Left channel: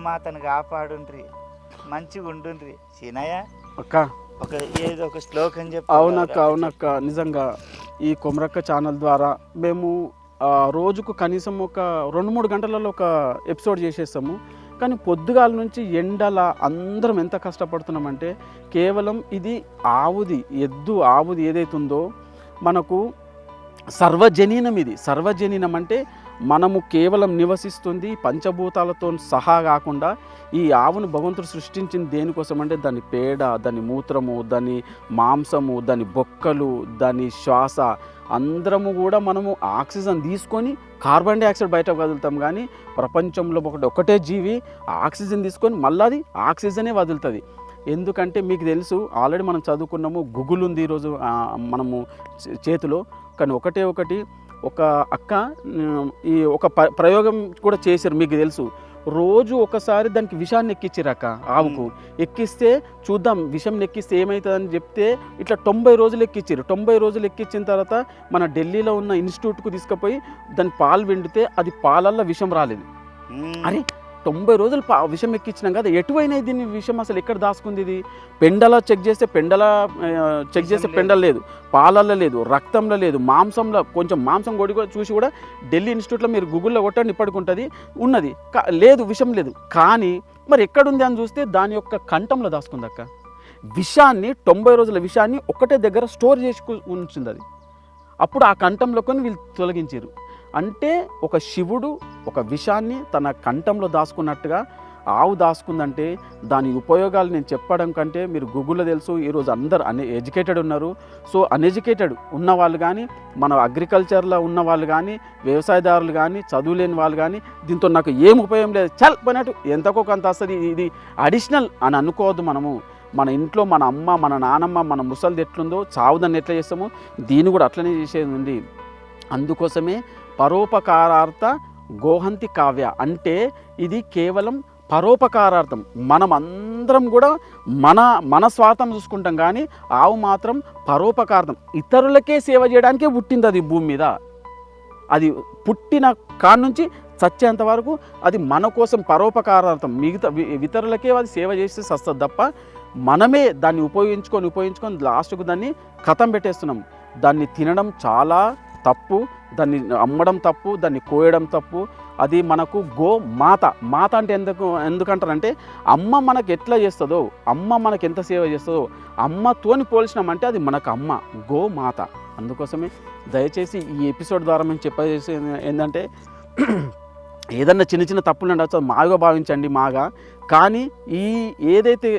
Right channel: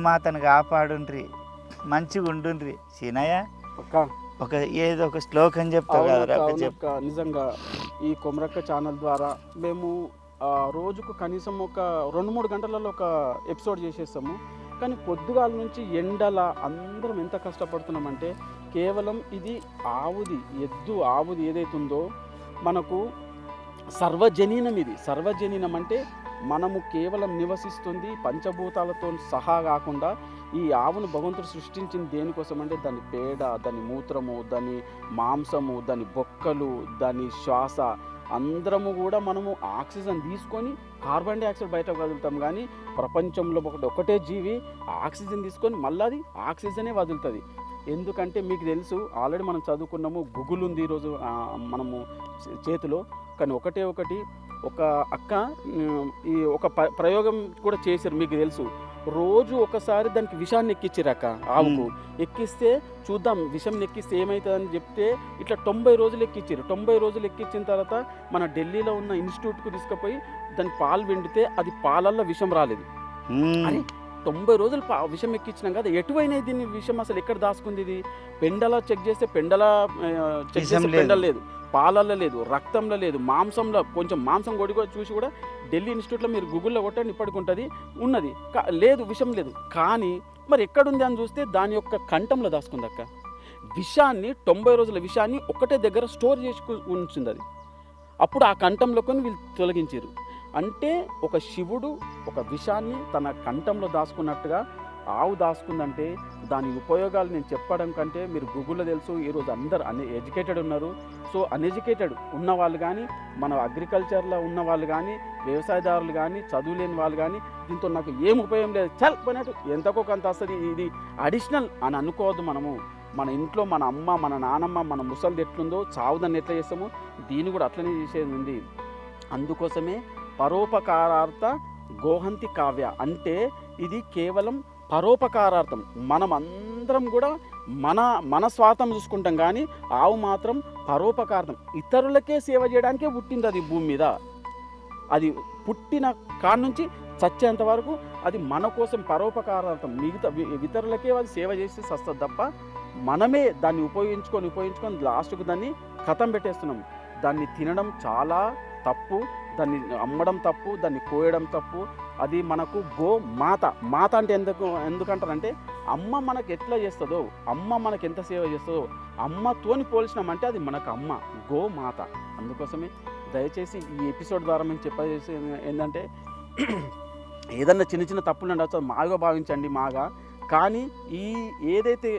గోమాతను కాపాడుండ్రి మంచిగా ఉండుండ్రి. సీనయ్య అక్క. ఒక ఏదో ఒక శ్లోకం చెప్పు. అవునక్క అవునక్క. నిజంగా ఈ కొమరక్క ఛానల్ ద్వారా మేము రోజుకు కనీసం ఒక రెండు మూడు గంటలలో ఒక ఎపిసోడ్ చేసేస్తాము. కానీ పొద్దుగాల నుంచి ఎండల అందరం ఎంత కష్టపడుతున్నామంటే కేవలం ఇది ఆవుది ఎద్దు ఆవుది ఏదైతుందో మనకు సర్వజనీనం ఇది. సర్వజనీనం అంటే మనము కేవలం నివసిస్తుంది పంచభూతాలతో సహా కాకుండా ఈ ఆవును భగవంతుడు సృష్టించింది దేనికోసం అంటే దాని పేడ దాని మూత్రము దాని మాంసము దాని బొక్కలు దాని శ్వాస. అందరము కూడా మనము ఆక్సిజన్ తీసుకొని కార్బన్ డైఆక్సైడ్ బయట వదులుతాం కానీ ప్రపంచంలో ఒకటి ఒకటే జీవి ఆక్సిజన్ తీసుకొని మళ్ళీ అది ఆక్సిజనే వదులుతుంది. ఎందుకంటే మీకు తెలుసు ఆల్రెడీ మనం చదువుకున్నాము గుగుల్ ఉంది ఈరోజు మనము చేతిలో. కానీ ఒకటే ఒకటి ఒక అక్క ఈ ఒక ప్రయోగం కూడా చేశారు మీకు తెలుసు. రోజు ఒకసారి దానికి విషాన్ని ఎక్కించారు అక్క ఆవుకు. ఎక్కిస్తే చూద్దాం విషం ఎక్కిస్తే ఏమవుతుందని చెప్తే ఇట్లా తొంభై రోజులు ఎక్కించారు తొంభై రోజులు ఎక్కించిన తర్వాత మన ఢిల్లీలో ఉన్న ఇన్స్టిట్యూట్కు తీసుకుపోయి దాని పాలు వెండితే అది పాలల్లో విషం రాలేదు. అరే తొంభై రోజులు పా విషం ఎక్కించినాం కదా ఎటువైనా దీన్ని విషం అసలు ఎక్కడ దాచుకుంది ఇది? పెండల చెక్ చేస్తే పెండల చెక్ చేస్తే. పెండల లేదు. పాలల్లో లేదు రక్తంలో లేదు మాంసంలో కొంచెం మాంసం కొడి కూడా చూసి కూడా ఢిల్లీ ఇన్స్టిట్యూట్లో మీరు గూగుల్లో కొట్టండి ఇప్పటికుంటుంది ఉన్నది. లేదు విషం లేదు. కానీ మరి ఎక్కడుంది అని చూస్తే దాని యొక్క కంఠంలో దాచుకుంది అక్క. విషాన్ని తొంభై రోజుల విషాన్ని ఒకటే దగ్గర స్టోర్ చేసి కు- ఉంచింది అది. అప్పుడు ఆ కంఠంలో కొని వీళ్ళు తొలగించారు. అంటే ఒక శివుడు ఒక విషాన్ని తన కంఠంలో దాచుకున్నట్టుగా ఆవు దాచుకుందంటే దాని ఉపయోగాలు నేను చెప్పడం కంటే మీరు గూగుల్లో తెలుసు ఈరోజు అందరు అన్ ఎడ్యుకేటెడ్ ఉన్నారు. సో అన్ఎడ్యుకేటెడ్ ఉన్న వాళ్ళు కానీ మన అగ్రికల్చర్లో ఉన్న వాళ్ళు కానీ వ్యవసాయదారులు కానీ చదువులేని వాళ్ళు కానీ దీంతో నాకు ఏం ఉపయోగం లేదు. చల్ పోయినట్టు ఎంతకో కొంత వస్తుంది. ఇది- ఇది అడిషనల్ అని అనుకోవద్దు మనము. మన ఇంట్లో మన అమ్మ మన నానమ్మ మన ముసలిది ఎట్లుందో చావుదాన్ని ఎట్లా చేస్తామో దీన్ని కూడా అట్లనే చేసేది ఉంది. అందుకోసమే పరోపకారార్థ గోహంతి కావ్య అంటే ఇది కేవలం పరోపకారార్థం. మనం అందరం కూడా మన మన స్వార్థం చూసుకుంటాం కానీ ఆవు మాత్రం పరోపకార్థం. ఇతరులకే సేవ చేయడానికే పుట్టింది అది భూమి మీద. అది పుట్టిన కాడ నుంచి చచ్చేంత వరకు అది మన కోసం పరోపకారార్థం. మిగతా ఇతరులకే అది సేవ చేస్తే సస్తుంది తప్ప మనమే దాన్ని ఉపయోగించుకొని ఉపయోగించుకొని లాస్ట్కు దాన్ని కథం పెట్టేస్తున్నాం. దాన్ని తినడం చాలా తప్పు. దాన్ని అమ్మడం తప్పు దాన్ని కోయడం తప్పు. అది మనకు గో మాత. మాత అంటే ఎందుకు ఎందుకంటారంటే అమ్మ మనకు ఎట్లా చేస్తుందో అమ్మ మనకు ఎంత సేవ చేస్తుందో అమ్మతోని పోల్చినామంటే అది మనకు అమ్మ గో మాత. అందుకోసమే దయచేసి ఈ ఎపిసోడ్ ద్వారా మేము చెప్పేసి ఏంటంటే ఏదన్నా చిన్న చిన్న తప్పులు ఉండొచ్చు మాగా భావించండి మాగా. కానీ ఈ ఏదైతే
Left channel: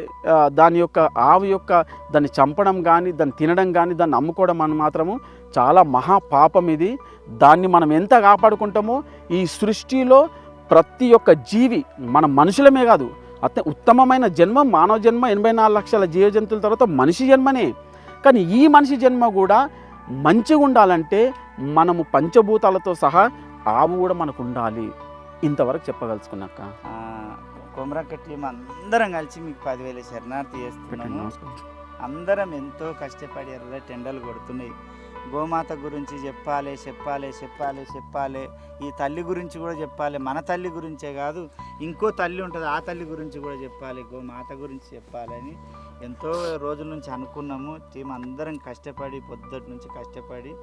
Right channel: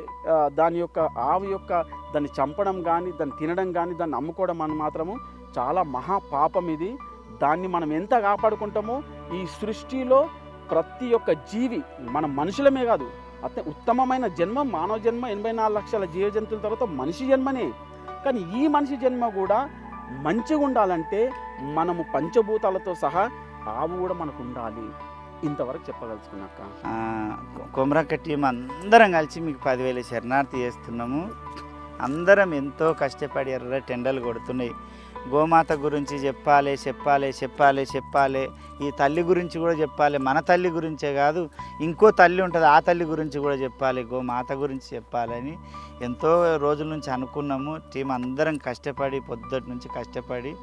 దాని యొక్క ఆవు యొక్క దాన్ని చంపడం కానీ దాన్ని తినడం కానీ దాన్ని అమ్ముకోవడం అని మాత్రము చాలా మహా పాపం ఇది. దాన్ని మనం ఎంత కాపాడుకుంటామో ఈ సృష్టిలో ప్రతి ఒక్క జీవి మన మనుషులమే కాదు అత్య ఉత్తమమైన జన్మ మానవ జన్మ ఎనభై నాలుగు లక్షల జీవ జంతువుల తర్వాత మనిషి జన్మనే. కానీ ఈ మనిషి జన్మ కూడా మంచిగా ఉండాలంటే మనము పంచభూతాలతో సహా ఆవు కూడా మనకు ఉండాలి. ఇంతవరకు చెప్పగలుచుకున్నాక కొమరక్క టీం అందరం కలిసి మీకు పదివేల శరణార్థి చేస్తున్నాము. అందరం ఎంతో కష్టపడి ఎర్ర టెండలు కొడుతున్నాయి. గోమాత గురించి చెప్పాలి చెప్పాలి చెప్పాలి చెప్పాలి. ఈ తల్లి గురించి కూడా చెప్పాలి. మన తల్లి గురించే కాదు ఇంకో తల్లి ఉంటుంది ఆ తల్లి గురించి కూడా చెప్పాలి గోమాత గురించి చెప్పాలని ఎంతో రోజుల నుంచి అనుకున్నాము. టీం అందరం కష్టపడి పొద్దుటి నుంచి కష్టపడి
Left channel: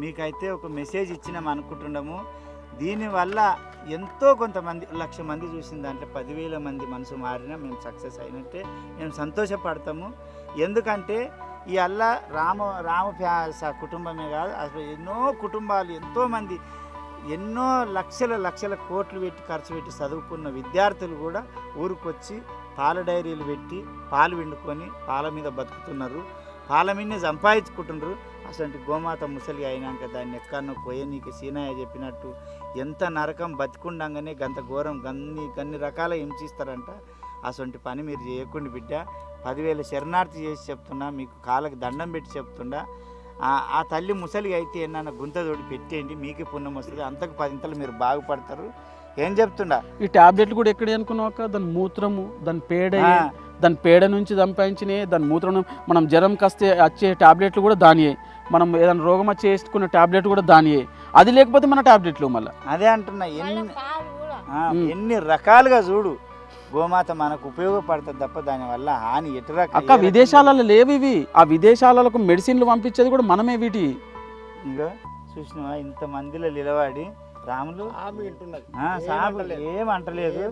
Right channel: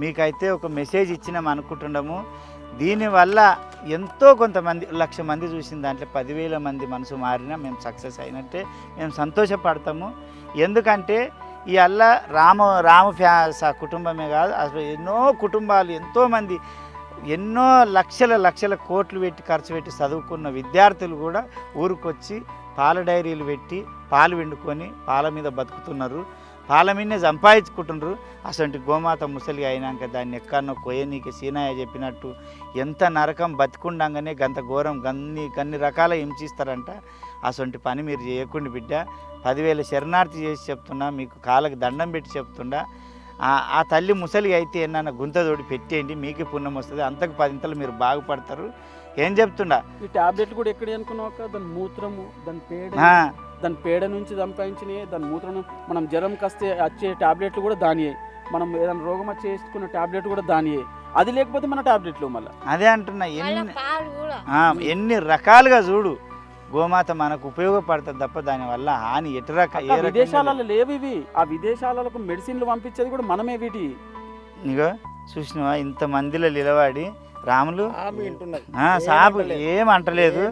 మీకైతే ఒక మెసేజ్ ఇచ్చినాం అనుకుంటున్నాము. దీనివల్ల ఎంతో కొంతమంది లక్ష మంది చూసిన దాంట్లో పదివేల మంది మనసు మారినా మేము సక్సెస్ అయినట్టే మేము సంతోషపడతాము. ఎందుకంటే ఈ రామ రామ ఫ్యా కుటుంబమే కాదు అసలు ఎన్నో కుటుంబాలు ఎంతోమంది ఎన్నో లక్షల లక్షల కోట్లు పెట్టి ఖర్చు పెట్టి చదువుకున్న విద్యార్థులు కూడా ఊరికొచ్చి పాల డైరీలు పెట్టి పాలు వండుకొని పాల మీద బతుకుతున్నారు. పాల మీదనే సంపాదించుకుంటున్నారు. అసలు గోమాత ముసలి అయినాక దాన్ని ఎక్కడనో కొయ్యనీకి సీనయ్య చెప్పినట్టు ఎంత నరకం బతికుండంగానే గంత ఘోరం గన్ని గన్ని రకాల హింసిస్తారంట. అసొంటి పని మీరు చేయకుండా బిడ్డ. పదివేల శరణార్థి చేసి చెప్తున్నా మీకు కాళ్ళకి దండం పెట్టి చెప్తుండా. ఆ- ఆ తల్లి ముసలి అయితే ఏమన్నా గుంత తోడి పెట్టేయండి మీకే పుణ్యం వస్తుంది. అంతకు పదింతలు మీరు బాగుపడతారు. ఏం చెప్తుండా? ఈ టాబ్లెట్లు కూడా ఎక్కడ అనుకున్నాక దాని మూత్రము దాని పేడ దాని పేడ నుంచి సంపాదించినాయి దాని మూత్రం మనం జ్వరం కాస్తే వచ్చే టాబ్లెట్లు కూడా దానియే మనం ఏదైనా రోగం వచ్చి వేసుకున్న టాబ్లెట్ కూడా దానియే అది లేకపోతే మన టాబ్లెట్లు మళ్ళీ. అదే అంటున్నా ఎన్ని ఎన్ని రకాలుగా చూడు. గోమాత మనకు ఉపయోగపడుతుంది తప్ప దానివల్ల హాని ఎటు రక విదేశాలలో లేవు ఇవి. ఆ విదేశాలకు మెడిసిన్లు పంపించేది కూడా మనమే వీటి. ఇగో చూసినవా? ఇంత మందిలో నిలబడి రాములు సాబు ఏం అంటలేదు?